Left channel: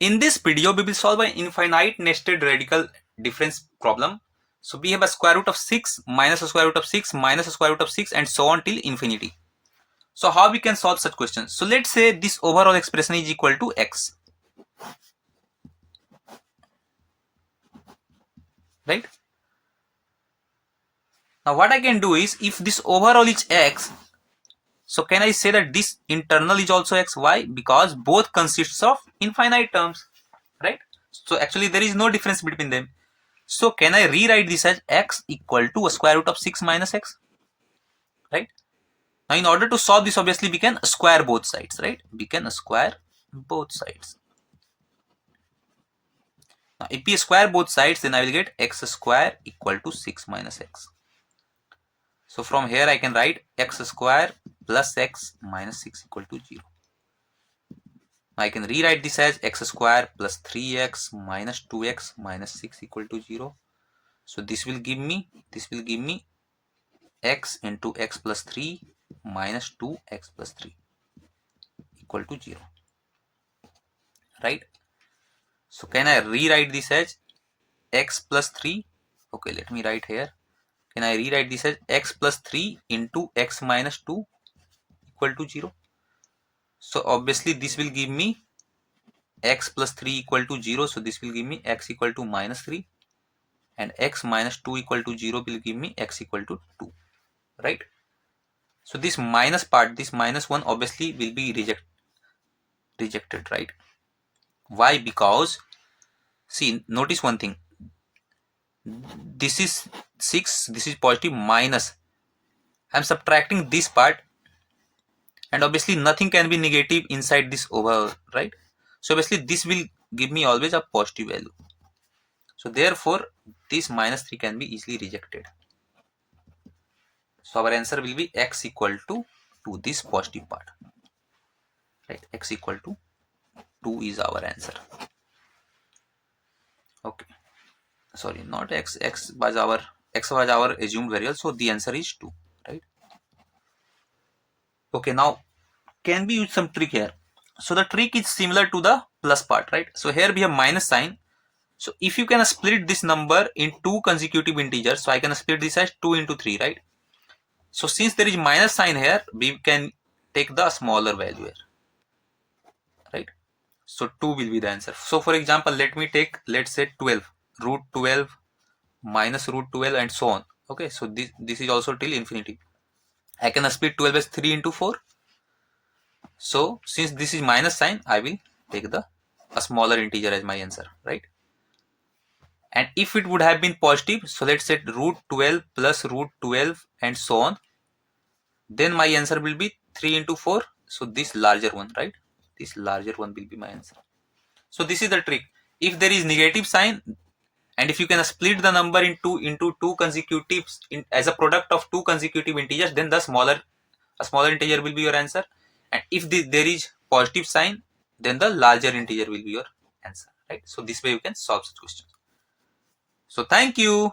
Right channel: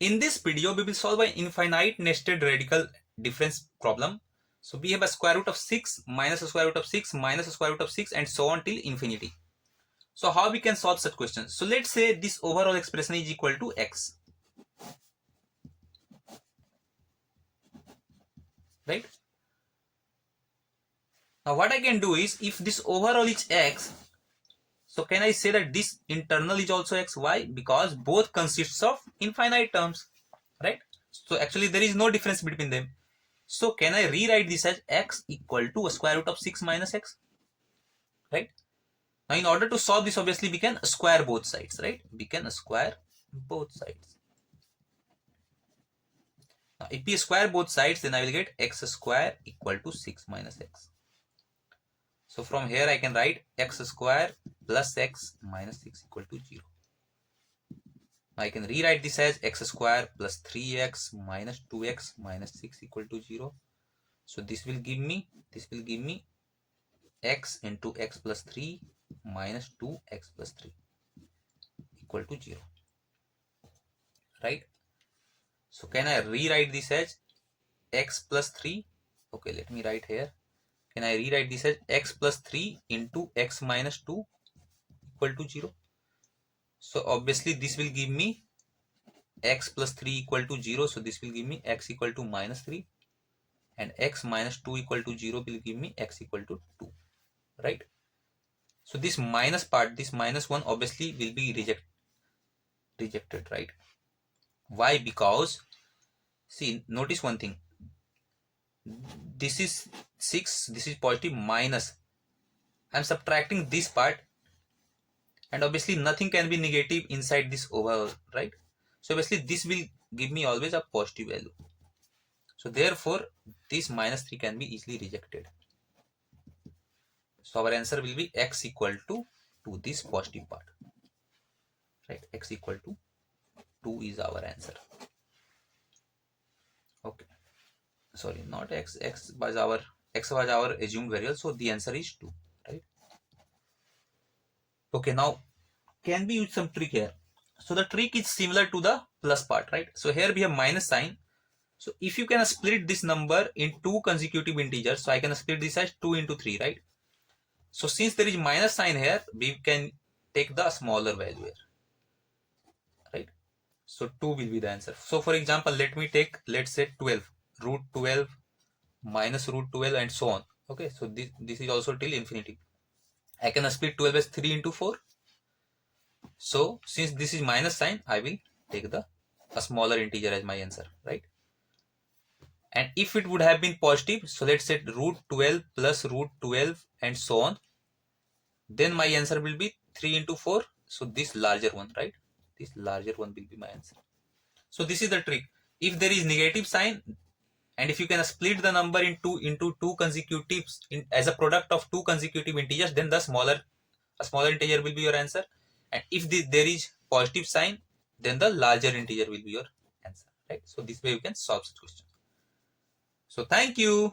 In this video, we will solve an infinite nested radical difference problem. So we have a square root of 6 minus a square root of 6 minus a square root of 6 and so on till infinity. So how we can solve such questions? So let's say this overall expression is equal to x. Right? Now what I can do is, if this overall is x, so can I say that this internal is also x? Why? Because both consists of infinite terms. Right? So actually there is no difference between them. So can I rewrite this as x equal to a square root of 6 minus x? Right? Now in order to solve this, obviously we can square both sides, right? We can square both sides. Now if we square both sides, then I will get x square equal to 6 minus x. So from here I can write x square plus x minus 6 equal to 0. Now I can rewrite this as x square plus 3x minus 2x minus 6 equal to 0. So this will give me x into x plus 3 minus 2x plus 3 equal to 0. Right? So can I rewrite this as x plus 3? Okay, let me write here. Can I rewrite this as x plus 3 into x minus 2 equal to 0? So obviously this will give me x plus 3 equal to 0. So this will give me x equal to minus 3. And x minus 2 equal to 0 will give me x equal to 2. Right? So this minus part, this minus 1 obviously will be rejected, right? Why? Because, see, notice one thing. This is 6, this is positive, minus. I'm subtracting this part, and obviously nothing can be negative inside this over, right? So obviously this will give me always a positive value. So therefore this minus 3 can be easily rejected. So our answer will be x equal to this positive part, right? X equal to 2 is our answer. Okay, sorry, not x. X was our assumed variable, so the answer is 2, right? Okay, now can we use some trick here? So the trick is similar to the plus part, right? So here we have minus sign. So if you can split this number in two consecutive integers, so I can split this as 2 into 3, right? So since there is minus sign here, we can take the smaller value here, right? So 2 will be the answer. So for example, let's say 12, root 12 minus root 12 and so on. Okay, so this is also till infinity. I can split 12 as 3 into 4. So since this is minus sign, I will take a smaller integer as my answer, right? And if it would have been positive, so let's say root 12 plus root 12 and so on, then my answer will be 3 into 4. So this larger one, right? This larger one will be my answer. So this is the trick. If there is negative sign, and if you can split the number into two consecutive as a product of two consecutive integers, then a smaller integer will be your answer. And if there is positive sign, then the larger integer will be your answer, right? So this way you can solve such questions. So thank you.